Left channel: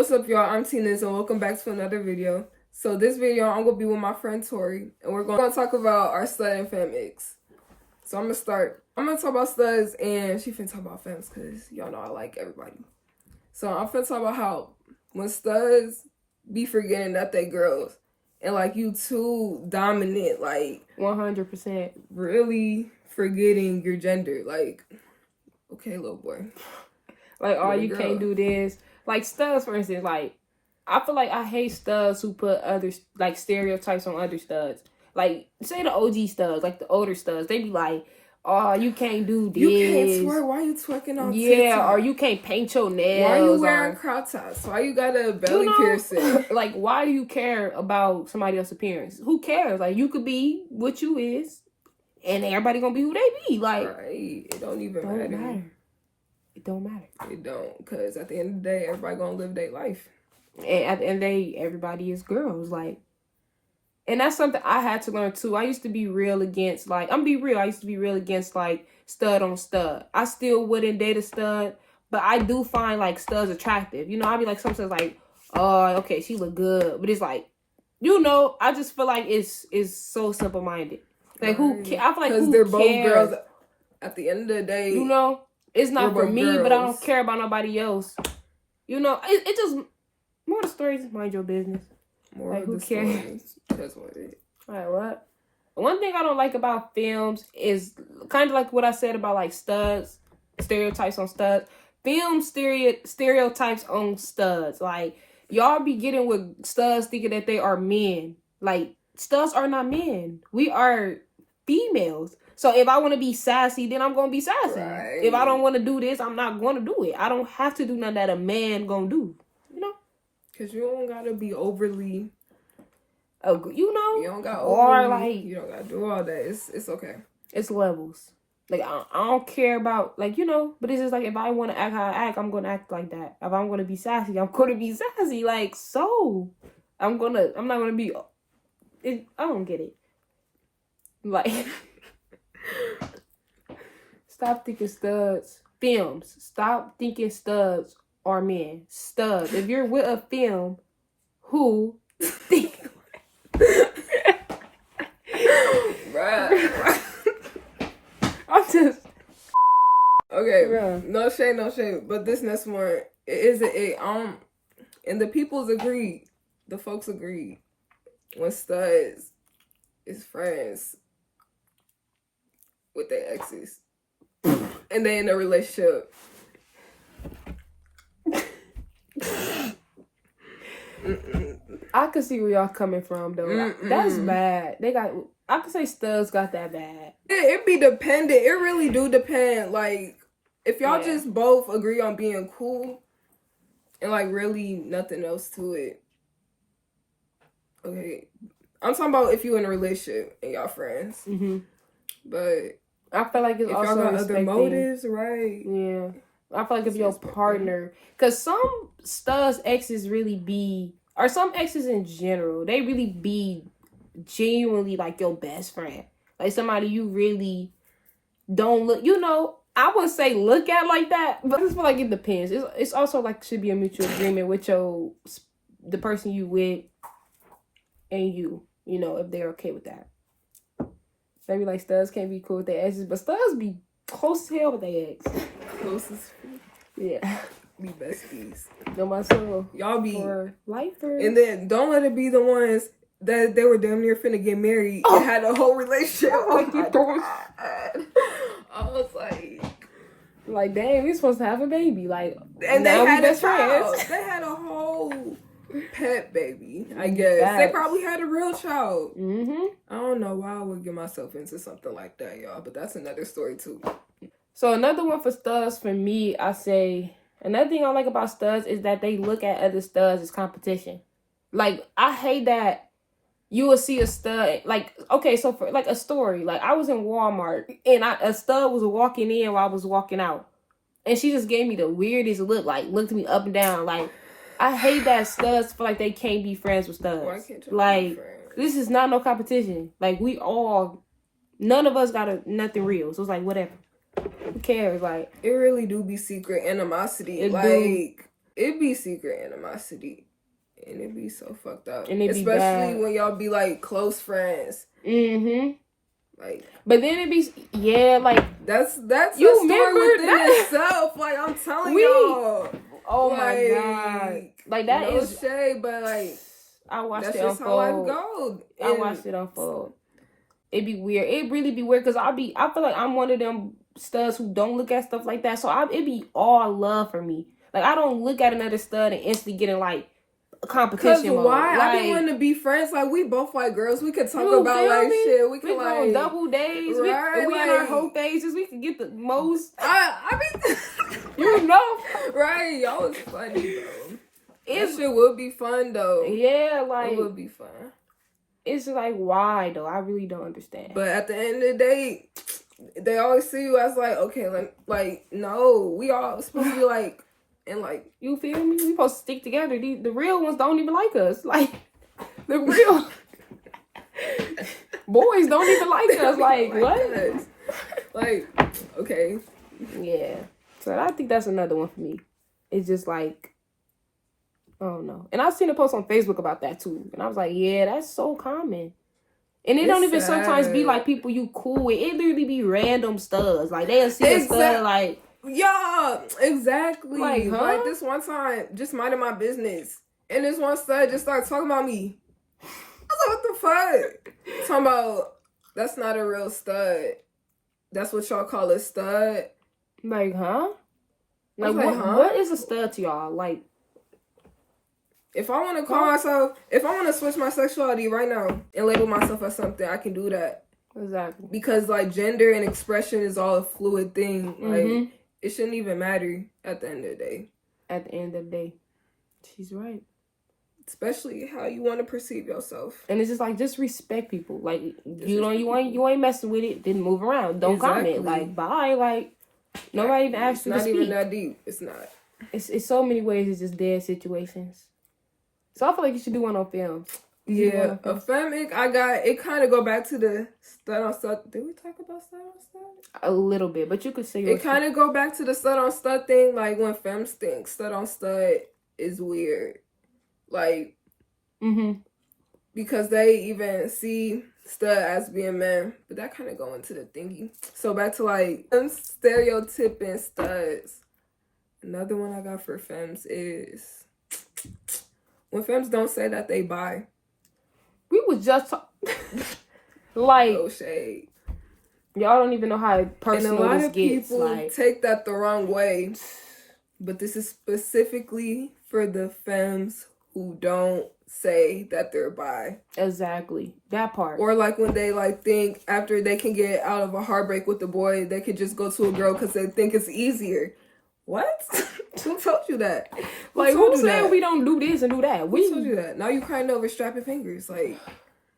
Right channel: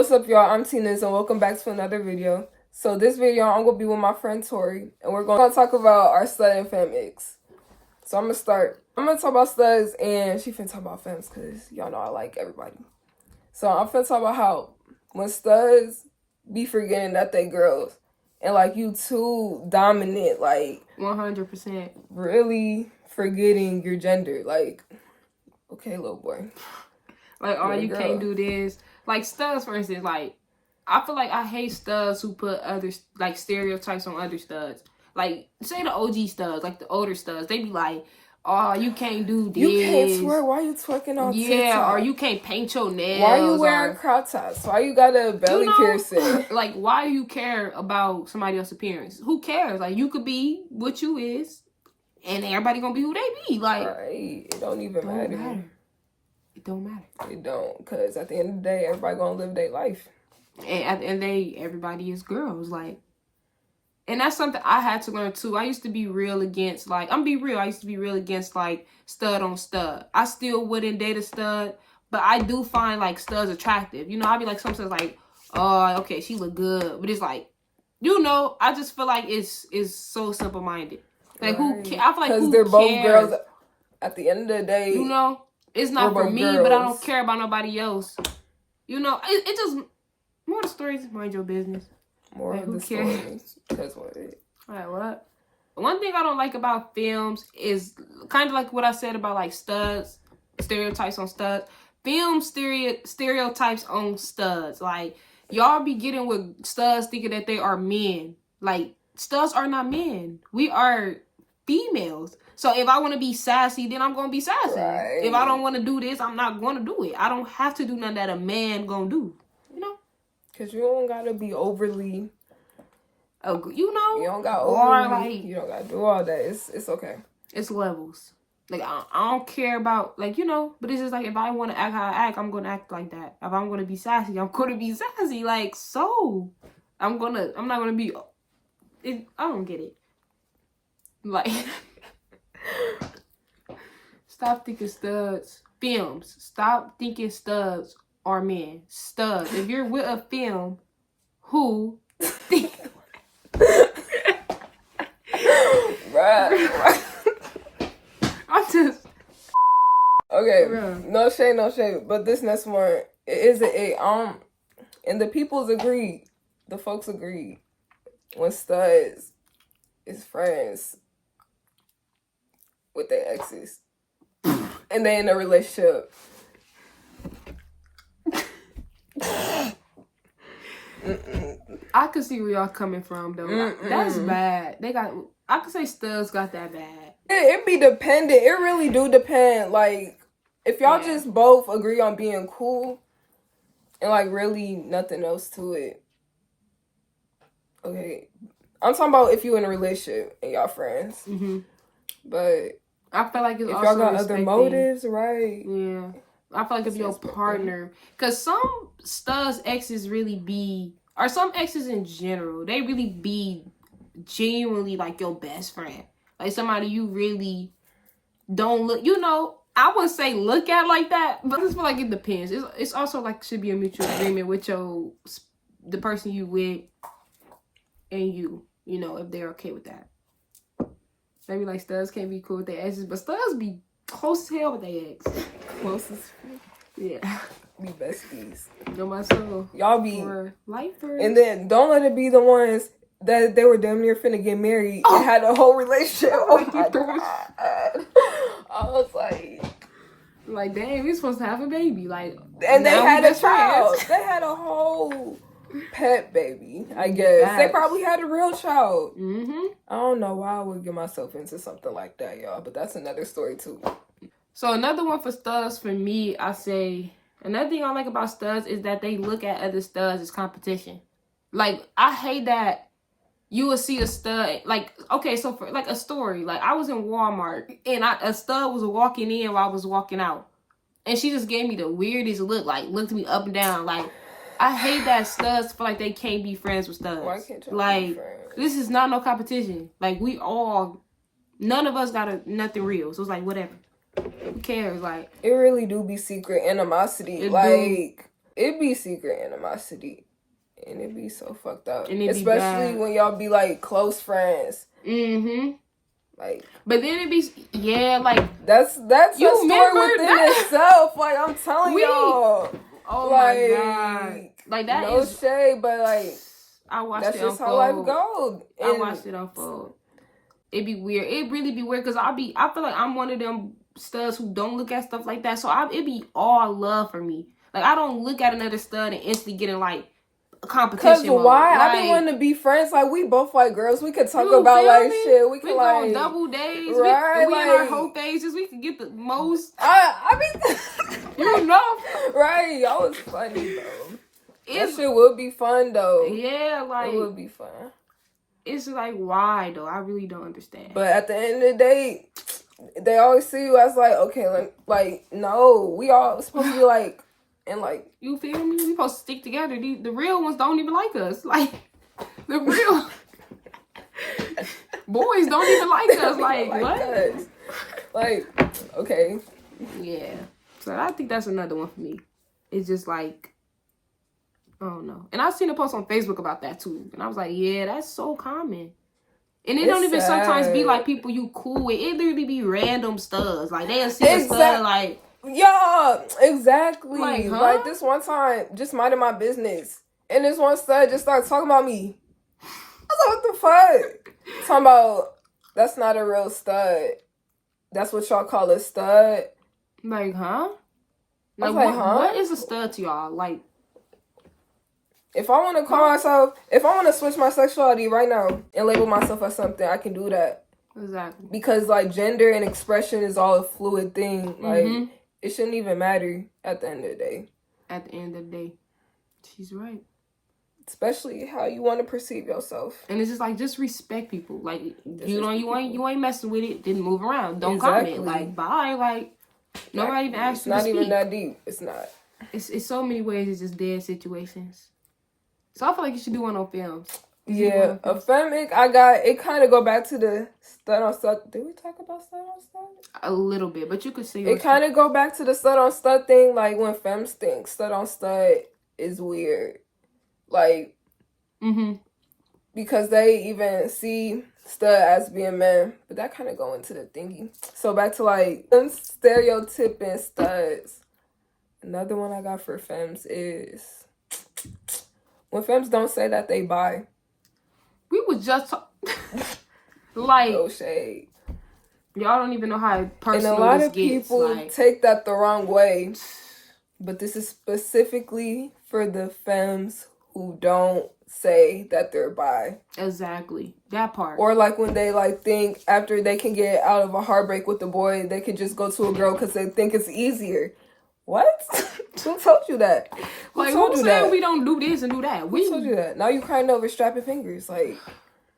What's up, y'all? I'm Tina's and welcome back to another video. So this video, I'm going to be with my friend Tori, and we're going to talk about our stud and femme Icks. So I'm going to start. I'm going to talk about studs, and she finna talk about femmes, because y'all know I like everybody. So I'm finna talk about how when studs be forgetting that they girls, and like you too dominant, like 100%. really forgetting your gender. Like, okay, little boy. Like, oh, you can't do this. Like, studs, for instance, like, I feel like I hate studs who put other, like, stereotypes on other studs. Like, say the OG studs, like the older studs, they be like, oh, you can't do this. You can't twerk. Why you twerking on TikTok? Or you can't paint your nails. Why you wearing crop tops? Why you got a belly piercing? Like, why do you care about somebody else's appearance? Who cares? Like, you could be what you is, and everybody gonna be who they be. Like, right. It don't even matter. It don't matter. It don't, because at the end of the day, everybody gonna live their life. And at the end of the day, everybody is girls. Like, and that's something I had to learn too. I used to be real against, like, I used to be real against, like, stud on stud. I still wouldn't date a stud, but I do find, like, studs attractive. You know, I'd be like, sometimes like, oh, okay, she look good. But it's like, you know, I just feel like it's so simple-minded. Like, who cares? I feel like, who they're cares? both girls. At the end of the day, you know, it's not for me, but I don't care about nobody else. You know, it just, more of the stories, mind your business. More like, of the stories. Like, what? One thing I don't like about films is kind of like what I said about, like, studs, stereotypes on studs. Film stereotypes on studs. Like, y'all be getting with studs thinking that they are men. Like, studs are not men. We are females. So if I want to be sassy, then I'm going to be sassy. Right. If I don't want to do this, I'm not going to do it. I don't have to do nothing that a man going to do. You know? Because you don't got to be overly... you know? You don't got overly... like, you don't got to do all that. It's okay. It's levels. Like, I don't care about... Like, you know? But it's just like, if I want to act how I act, I'm going to act like that. If I'm going to be sassy, I'm going to be sassy. Like, so... I'm not going to be... I don't get it. Like... Stop thinking studs. Femmes. Stop thinking studs are men. Studs. If you're with a femme who right. I'm just okay. No shade. But this next one is it. And the peoples agreed. The folks agreed. When studs is friends with their exes and they in a relationship. I can see where y'all coming from though. That's bad. I could say studs got that bad. It be dependent. It really do depend. Like, if y'all just both agree on being cool and like really nothing else to it. Okay. I'm talking about if you in a relationship and y'all friends. But I feel like it's if also y'all got other motives, right? Yeah. I feel like if your partner, because some studs exes really be, or some exes in general, they really be genuinely like your best friend. Like somebody you really don't look, you know, I wouldn't say look at like that, but I just feel like it depends. It's also like should be a mutual agreement with the person you with and you know, if they're okay with that. Maybe like studs can't be cool with their exes, but studs be close as hell with their ex. Closest. Yeah. Be besties. No my soul. Y'all be lifers. And then don't let it be the ones that they were damn near finna get married and had a whole relationship. Oh my God. I was like dang, we supposed to have a baby. Like, and they had a child. They had a whole pet baby, I guess. They probably had a real child. I don't know why I would get myself into something like that, y'all, but that's another story too. So another one for studs for me, I say, another thing I like about studs is that they look at other studs as competition. Like, I hate that you will see a stud, like, okay, so for like a story, like I was in Walmart and a stud was walking in while I was walking out. And she just gave me the weirdest look, like looked me up and down. Like, I hate that studs feel like they can't be friends with studs. Why can't you like, be friends? This is not no competition. Like, none of us got nothing real. So it's like, whatever. Who cares? Like, it really do be secret animosity. It like, do. it be secret animosity. And it be so fucked up. And it be especially bad. when y'all be like close friends. Mm-hmm. Like, but then it be like that's you a story remember within that? itself. Like, I'm telling y'all. Oh like, my god. Like that no is shade, but like I watched that's it just unfold. how life goes. I watched it unfold. It be weird. It really be weird because I feel like I'm one of them studs who don't look at stuff like that. So it be all love for me. Like I don't look at another stud and instantly getting like a competition. Cause why? Like, I be wanting to be friends. Like we both like girls. We could talk you about feel like me? shit. We could go like on double days. right, We like, in our whole phases. We could get the most. I mean, You know, right? Y'all was funny though. That it's shit would be fun though. yeah, like It would be fun. it's like why though? I really don't understand. But at the end of the day, they always see you as like, okay, like no, we all supposed to be like, and like, you feel me? We supposed to stick together. The real ones don't even like us. Like the real boys don't even like us. Like what? us. Like, okay, yeah. So I think that's another one for me. It's just like, I don't know. And I seen a post on Facebook about that too. And I was like, yeah, that's so common. And it don't even sometimes be like people you cool with. It literally be random studs. Like they'll see a stud like, yeah, exactly. Like, huh? Like this one time, just minding my business, and this one stud just started talking about me. I was like, what the fuck? Talking about that's not a real stud. That's what y'all call a stud. like, huh? Like, what is a stud to y'all? Like, if I want to call myself, if I want to switch my sexuality right now and label myself as something, I can do that. Exactly. Because like gender and expression is all a fluid thing. Like it shouldn't even matter at the end of the day. At the end of the day, she's right. Especially how you want to perceive yourself. And it's just like, just respect people. Like, you ain't messing with it, then move around. Don't comment. Like, bye. Like, nobody even asked you to speak. It's not even that deep. It's not. It's so many ways. It's just dead situations. So I feel like you should do one on films. Yeah, a femic. I got it. Kind of go back to the stud on stud. Did we talk about stud on stud? A little bit, but you could say it kind of go back to the stud on stud thing. Like when femmes think stud on stud is weird, like, because they even see stud as being men, but that kind of go into the thingy. So back to like them stereotyping studs. Another one I got for femmes is when femmes don't say that they bi. We was just like, no shade. Y'all don't even know how personal and a lot this of gets. People like, take that the wrong way, but this is specifically for the femmes who don't say that they're bi. Exactly, that part. Or like when they like think after they can get out of a heartbreak with a boy, they could just go to a girl because they think it's easier. What? Who told you that? Like, who said we don't do this and do that? Who told you that? Now you crying over strapping fingers. Like,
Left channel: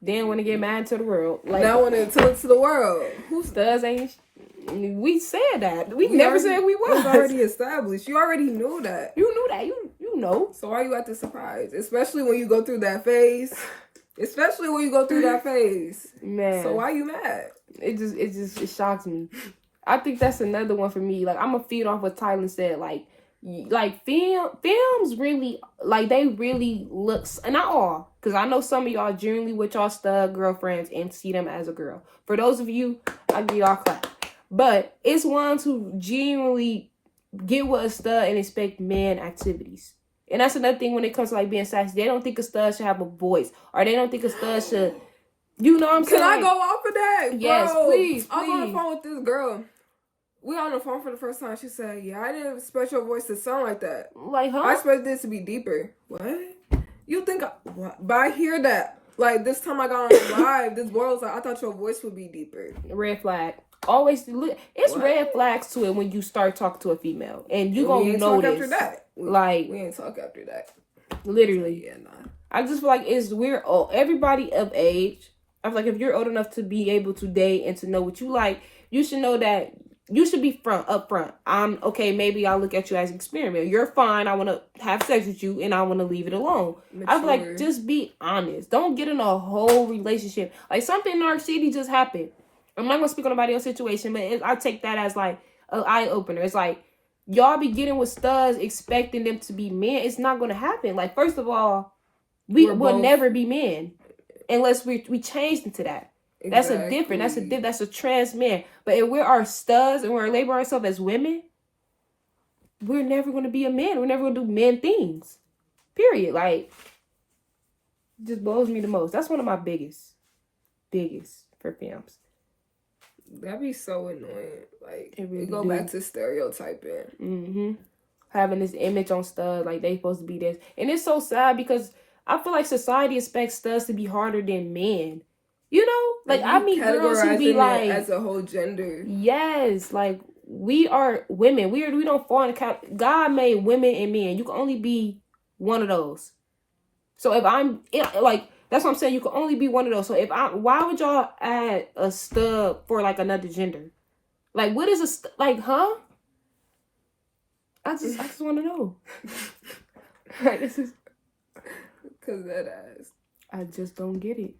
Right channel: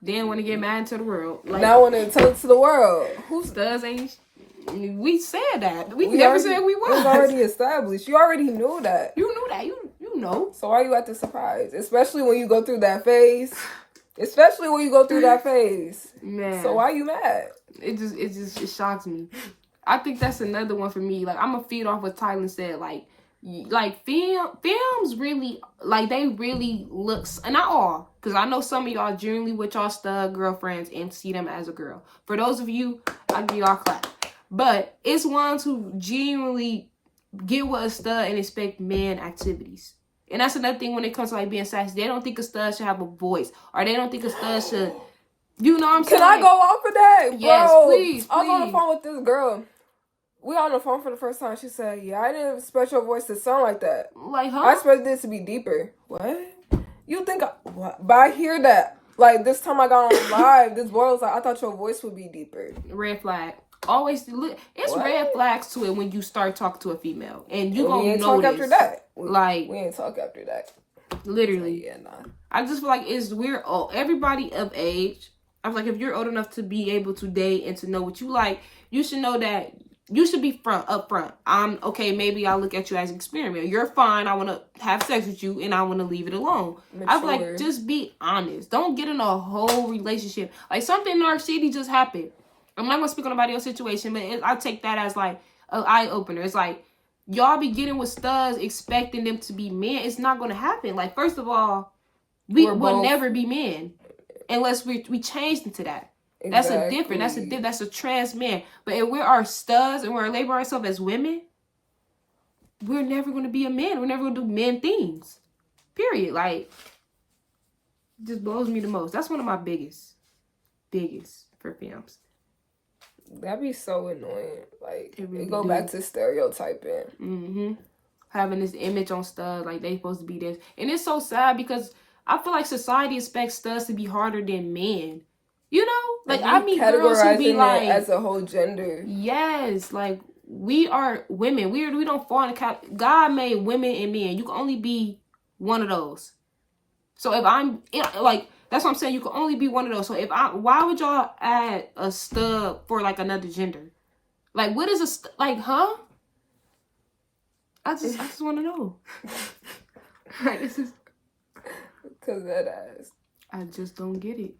then want to get mad to the world. Like, now want to tell it to the world. Who studs ain't? We said that. We never said we was. It was already established. You already knew that. You knew that. You know. So why are you at the surprise? Especially when you go through that phase. Especially when you go through that phase. Man. So why are you mad? It shocks me. I think that's another one for me. Like, I'm gonna feed off what Tyler said. Like films really, like, they really looks, and not all, because I know some of y'all generally with y'all stud girlfriends and see them as a girl. For those of you, I'll give y'all a clap. But it's ones who genuinely get with a stud and expect man activities. And that's another thing when it comes to like being sassy. They don't think a stud should have a voice, or they don't think a stud should, you know what I'm saying? Can I go off of that? Yes, Bro, please. I was on the phone with this girl. We on the phone for the first time. She said, yeah, I didn't expect your voice to sound like that. Like, huh? I expect this to be deeper. What? You think what? But I hear that. Like, this time I got on live, this boy was like, I thought your voice would be deeper. Red flag. Always look. It's what? Red flags to it when you start talking to a female, and you gonna notice. Talk after that. We ain't talk after that. Literally. Yeah, nah. I just feel like we're old. Everybody of age. I feel like if you're old enough to be able to date and to know what you like, you should know that you should be up front. I'm okay. Maybe I'll look at you as an experiment. You're fine. I want to have sex with you, and I want to leave it alone. Mature. I feel like just be honest. Don't get in a whole relationship. Like something in our city just happened. I'm not gonna speak on nobody else's situation, but I take that as like an eye opener. It's like y'all be getting with studs expecting them to be men. It's not gonna happen. Like, first of all, we will never be men unless we change into that. That's a different. That's a trans man. But if we're our studs and we're labeling ourselves as women, we're never gonna be a man. We're never gonna do men things. Period. Like, it just blows me the most. That's one of my biggest for femmes. That'd be so annoying. Like, it go back to stereotyping. Mm-hmm. Having this image on studs, like they supposed to be this. And it's so sad because I feel like society expects studs to be harder than men. You know? Like, I meet girls who be like... as a whole gender. Yes. Like, we are women. We don't fall in the God made women and men. You can only be one of those. So if I'm... Like... That's what I'm saying. You can only be one of those. So why would y'all add a stud for like another gender? Like, what is like, huh? I just want to know. This is because that ass. I just don't get it.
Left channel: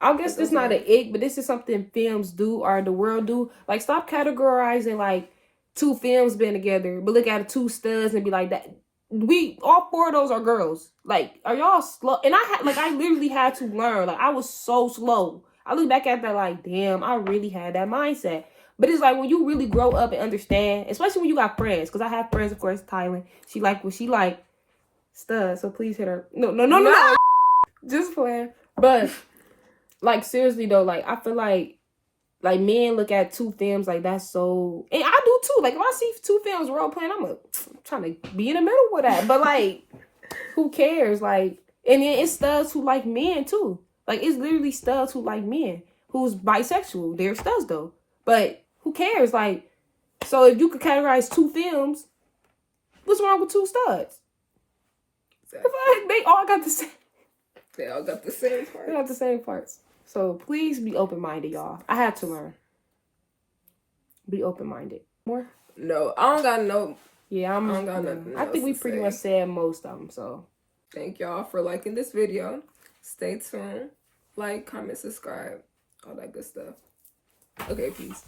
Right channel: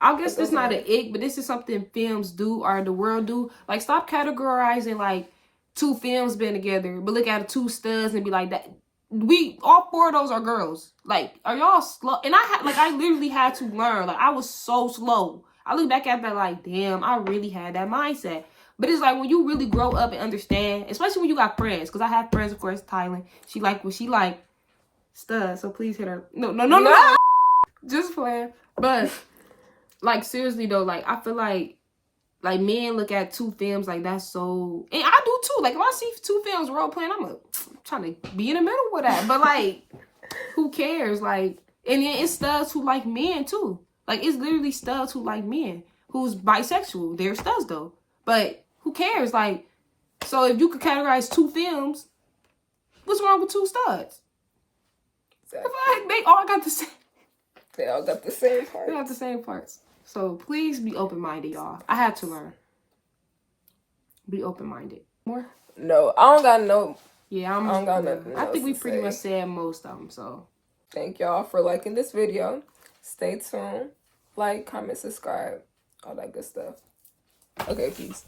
I guess it's not an ick, but this is something films do or the world do. Like, stop categorizing like two films being together, but look at two studs and be like that. All four of those are girls. Like, are y'all slow? And I literally had to learn. Like, I was so slow. I look back at that like, damn, I really had that mindset. But it's like when you really grow up and understand, especially when you got friends. Because I have friends, of course, Thailand. She like what she like studs. So please hit her. No. Just playing. But like, seriously though, like, I feel like men look at two films like that's so, and I do too. Like, if I see two films role playing, I'm trying to be in the middle with that. But like, who cares? Like, and then it's studs who like men too. Like, it's literally studs who like men who's bisexual. They're studs though. But who cares? Like, so if you could categorize two films, what's wrong with two studs? Exactly. They all got the same. They all got the same parts. They got the same parts. So please be open-minded, y'all. I had to learn. Be open-minded. More? No, I don't got no. Yeah, I don't got nothing. I think we pretty much said most of them. So thank y'all for liking this video. Stay tuned. Like, comment, subscribe, all that good stuff. Okay, peace.